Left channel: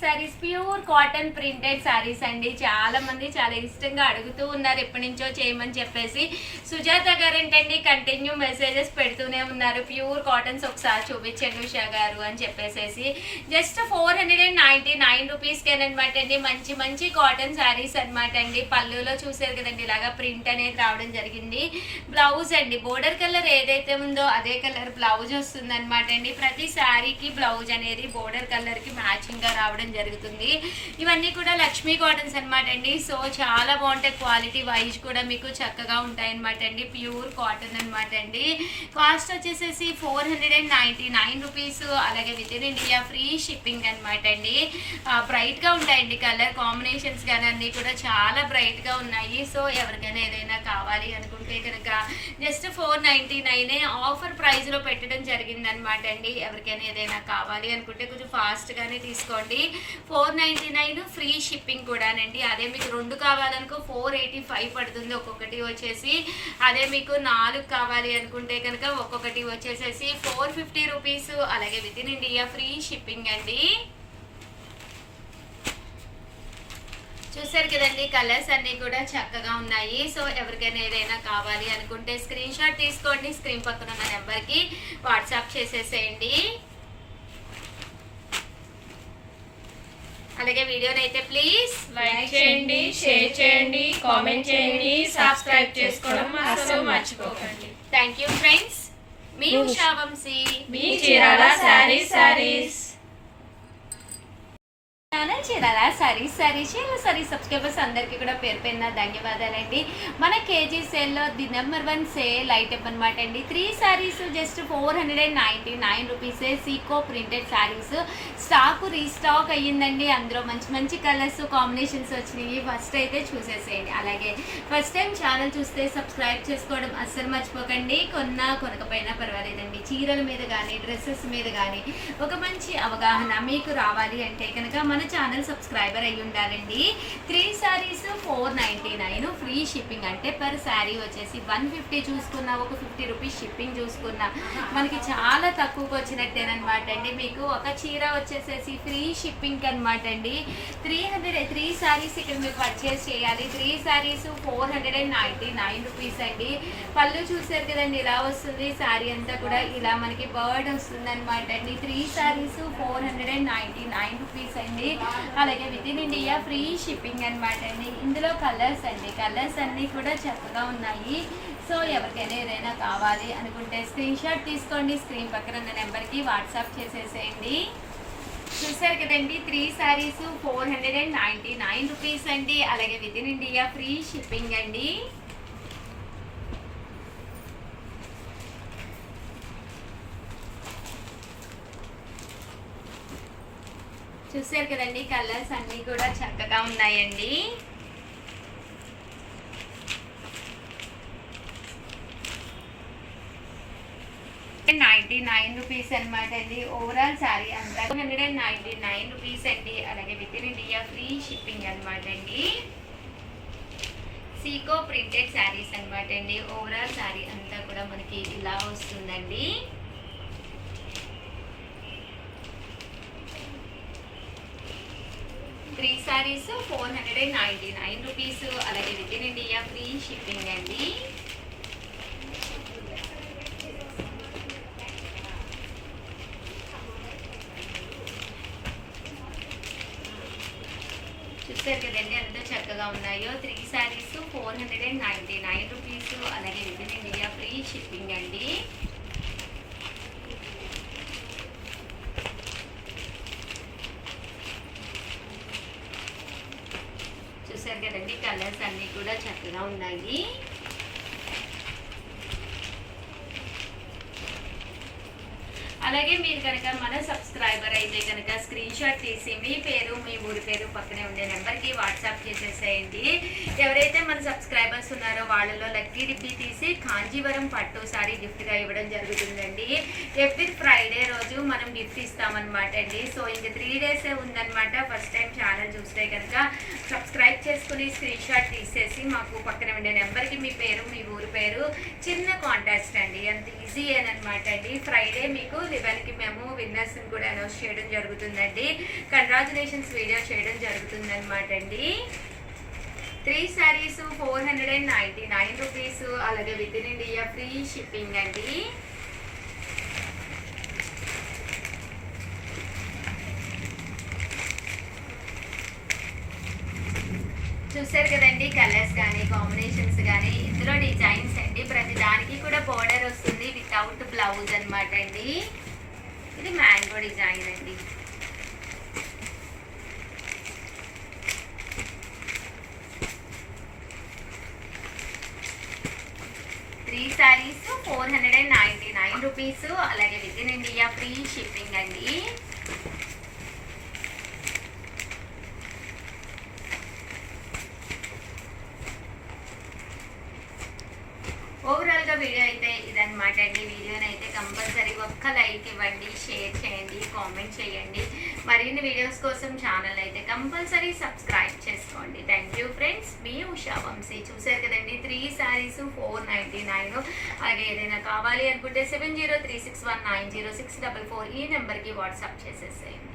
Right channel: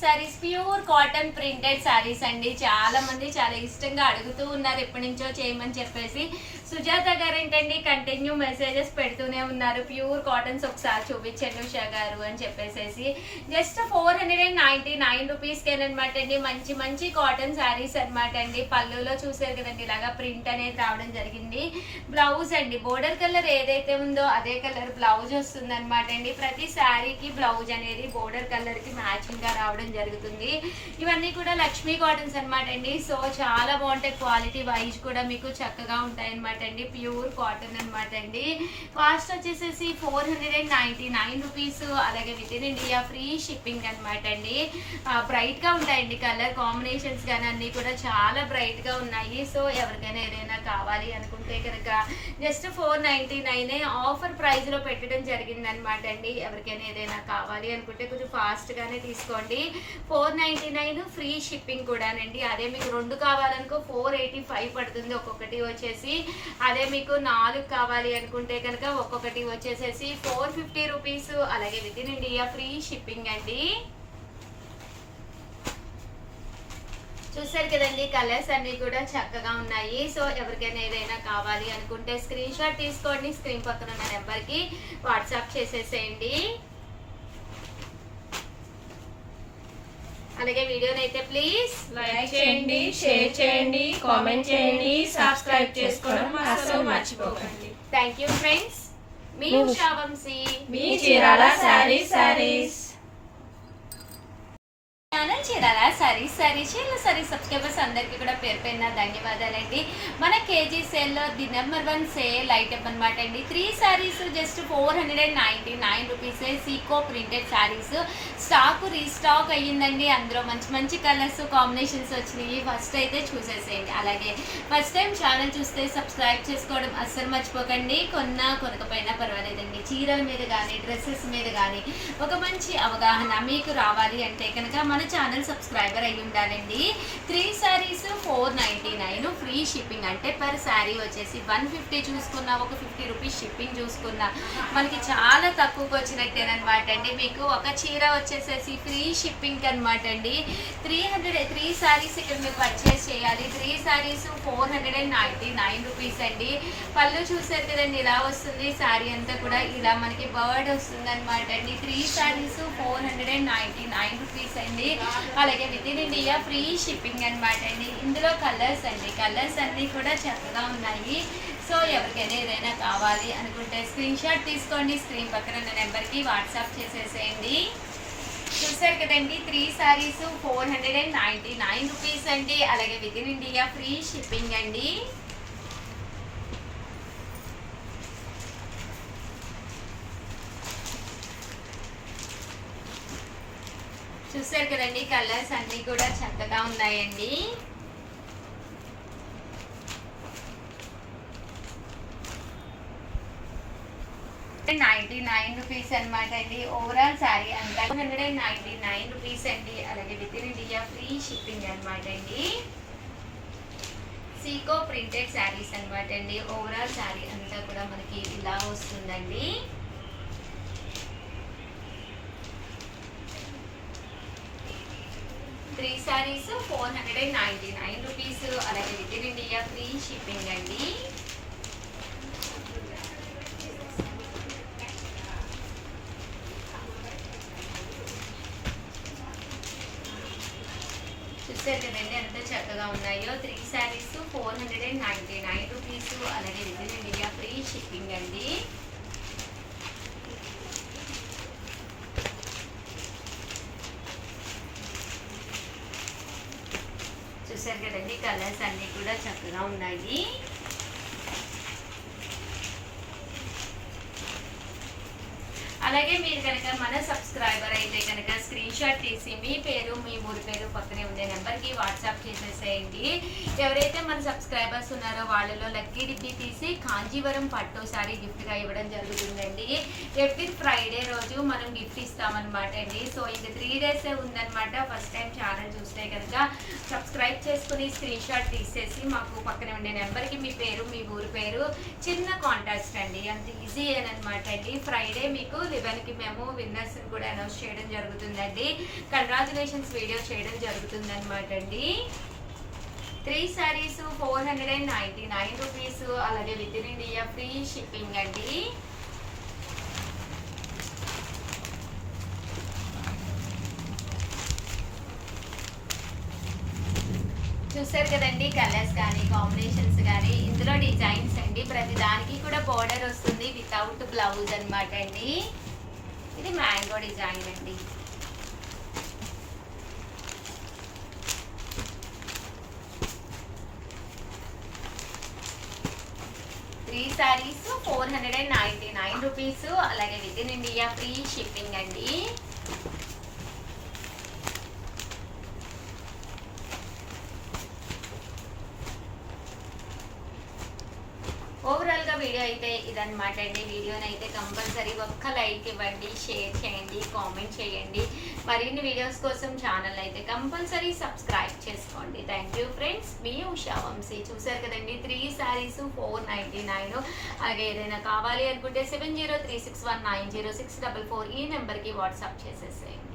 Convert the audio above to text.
Saris pure cotton printed saris అండి. చాలా మంది చాలా ఇష్టంగా అడుగుతూ ఉన్నారు ఎప్పటి నుంచో చేయమని చెప్పేసి. సుజాత గారు ఏంటండి కంటిన్యూ మెసేజెస్ పెడుతూనే ఉన్నారు, ప్యూర్ కాటన్స్ ఒకసారి చూపించండి ఉషా గారు అని చెప్పేసి. జస్ట్ 499 రూపీస్కేనమాట అండి. మంచి మంచి కాటన్ సారీస్ అనమాట అండి. పళ్ళులో చూసారు కదండి ఇలాగా ప్రింట్ అనేది రావడం జరిగింది. బ్లౌజ్ అండి బోర్డర్ కలర్ ఏదైతే ఉందో అదే కలర్ బ్లౌజ్ వస్తుంది అనమాట అండి. ప్రతి శారీకి బ్లౌజ్ అనేది బోర్డర్ కలర్ కి మ్యాచింగ్ గా రావడం జరుగుతుంది. ఇవన్నీ కూడా లక్ష్మీ కాటన్స్ అనమాట అండి. సో చాలా బాగుంటాయి, క్వాలిటీ వైజ్ కూడా మీకు చక్కగా ఉంటాయి అనమాట అండి. ప్యూర్ కాటన్ అనమాట అండి. కాస్ట్ వచ్చేసేసి 499 రూపీస్. అలాగే with in India free shipping అనమాట అండి. బ్రైట్ గా ఉంటాయండి కలర్ కాంబినేషన్స్ కానీ అన్ని కూడా చాలా బ్రైట్ గా ఉన్నాయి. సో ఎవరికైనా ఏదైనా కావాలి అనుకుంటే కనుక జస్ట్ 499 ఆఫర్ ప్రైస్ లో పెట్టడం జరిగింది అనమాట అండి. ఎవరికైనా ఏదైనా కావాలి అనుకుంటే కొంచెం ఫాస్ట్ గానే తీసుకోండి. 499 ఫ్రీ షిప్పింగ్ కూడానండి. అదే మీకు 2 కావాలనుకో 485 పడుతుంది ఒక్కొక్కటి వచ్చేసి. అదే మీకు 4 కావాలి అనుకుంటే కనుక ఒక్కొక్కటి వచ్చేసేసి 450 రూపీస్. అలాగే with in India free shipping అండి. చూసారు కదండి కలర్స్ అన్ని కూడా చక్కగా ఉన్నాయి. సో ఎవరికైనా ఏదైనా కావాలి అనుకుంటే స్క్రీన్ షాట్ తీసుకోండి, స్క్రీన్ పక్కన ఉన్న నెంబర్కి వాట్సాప్ చేసేసేయండి. అలాగే వీడియోని అయితే ప్లీజ్ లైక్ చేయండి, షేర్ చేయండి, కామెంట్ చేయండి, సబ్స్క్రైబ్ చేసుకోవడం అస్సలు మర్చిపోకండి. Thank you friends. మీ ఉషా వంశీ, మీ చీరాల సారీస్ ఛానల్ చీరాల సారీ సబ్స్క్రైబర్స్ అందరికీ కూడా పేరు పేరున ధన్యవాదాలండి. మన కేజీ సేల్లో ది నెంబర్ 1 సేల్ ఐటమ్ అనమాట అండి. 3 సారీస్ జస్ట్ 499 రూపీసే. Seeko printed saris stock restock అయ్యిందండి. అందులో మంచి మంచి కలర్స్ కాంబినేషన్స్ వచ్చినాయి. ఫస్ట్ అయితే చూసేసేయండి. అలాగే ఫస్ట్ టైం ఛానల్ చూస్తే సబ్స్క్రైబ్ చేసుకోవడం అస్సలు మర్చిపోకండి. కొనకపోయినా పర్వాలేదండి. చీరల మీద కానీ డ్రెస్సెస్ మీద కానీ ఒక మంచి అవగాహన మీకు రావాలి అంటే కనుక మన ఛానల్ సబ్స్క్రైబర్ అయ్యి ఉండాలండి. 3 సారీస్ 499 ఫ్రీ షిప్పింగ్. అంటే పర్ శారీ వచ్చేసి 150 చూసుకున్నా, ఒక 50 రూపీస్ షిప్పింగ్ చూసుకున్నా మనకి చాలా తక్కువకి వచ్చినట్టేనమాట అండి. మీకు ఒక చీర వచ్చేసేసి ఫ్రీ షిప్పింగ్ అనమాట అండి. 3 సారీస్ ఇక్కడ మీరు పర్చేస్ చేయాలి. 3 సారీస్ 499 రూపీస్ అండి. పళ్ళు చూసారు కదండి ఇలా వస్తుంది. శారీ అంతా కూడా ఇలా మనకి బర్డ్ వస్తుంది అనమాట అండి. 3 సారీస్ 499 రూపీస్ అండి. అలాగే with in India free shipping అనమాట అండి. ఇందులో కలర్స్ అండి, కలర్స్ అన్నీ కూడా చక్కగా ఉన్నాయి. సో ఎవరికైనా ఏదైనా కావాలి అనుకుంటే స్క్రీన్ షాట్ తీసుకోండి, స్క్రీన్ పక్కన ఉన్న నెంబర్కి వాట్సాప్ చేసేసేయండి. చూసారు కదండి 3 సారీస్ 499 రూపీస్ అండి. అలాగే with in India free shipping అండి. చూసారు కదండి కలర్స్ అన్నీ కూడా చక్కగా ఉన్నాయండి. రూపీస్ అనమాట అండి. ఓవరాల్ శారీ అంతా 199 రూపీస్ అండి. అలాగే with in India free shipping అనమాట అండి. సీకో ప్రింటెడ్ శారీస్ అనమాట అండి. ఓవరాల్ శారీ అంతా కూడా మనకి ఇలా వస్తుందండి. Three sarees 499 rupees. అలాగే with in India free shipping అండి. చూసారు కదండి ఎంత చక్కగా ఉన్నాయో. 3 సారీస్ 499 రూపీస్. అలాగే with in India free shipping అండి. చూసారు కదండి కలర్స్ అన్నీ కూడా చక్కగా ఉన్నాయి. అలాగే మీరు కనుక మన సబ్స్క్రైబర్ అయితే కనుక స్క్రీన్ షాట్ తీసి మీ పేరు మీ ఊరి పేరు పక్కనే ఉండే నెంబర్కి వాట్సాప్ చేసేసేయండి. ఎవరైతే మన సబ్స్క్రైబర్స్ ఉన్నారో వాళ్ళలో లక్కీ డిబ్బీ తీసి కాంజీవరం పట్టు సారీ గిఫ్ట్గా ఇవ్వడం జరుగుతుందండి. ఎవ్రీ ఫ్రైడే రోజు మనం గిఫ్ట్ ఇస్తామన్నమాట అండి. సో ఇంక 3 డేసే ఉందన్నమాట. ఫస్ట్ టైం ఛానల్ ఛానల్ చూస్తే కనుక సబ్స్క్రైబ్ చేసుకుని స్క్రీన్ షాట్ తీసేసి మాకు పక్కన ఉండే నెంబర్కి మీ పేరు మీ ఊరి పేరు చిన్న కాంటాక్ట్స్ అండి, అంత ఈజీ అనమాట అండి. ఫ్రైడే మీకు 11కి మేము విన్నర్స్ని కూడా అనౌన్స్ చేయడం జరుగుతుందండి. కంగ్రాచులేషన్స్ వీడియో చేయడం జరుగుతుందన్నమాట అండి. 3 sarees 499 రూపీస్, అలాగే with in India free shipping అండి. చూసారు కదండి, కలర్స్ కానీ కాంబినేషన్స్ కానీ, ఇందులో డిజైన్స్ అండి. ప్రతి దానికి కూడా బోర్డర్ వస్తుంది వితౌట్ బ్లౌజ్ అనమాట అండి. ఇది మ్యాంగో డిజైన్ అండి. త్రీ సారీస్ 499 రూపీస్, అలాగే with in India free shipping అండి. ఓవరాల్గా వీడియో అయితే ఇదన్నమాట అండి. వీడియోని అయితే కంపల్సరీ ఒక్క లైక్ ఇవ్వండి, షేర్ చేయండి, కామెంట్ చేయండి. మరిన్ని వీడియోస్ కోసం ఛానల్ అయితే కంపల్సరీ సబ్స్క్రైబ్ చేసుకోండి. థ్యాంక్ యూ ఫ్రెండ్స్, మీ ఉషా వంశీ. చూసారు కదండి, 3 sarees 499. అలాగే ఏదైనా కావాలి అనుకుంటే 7036190644 ఈ నెంబర్కి వాట్సాప్ చేసేసేయండి.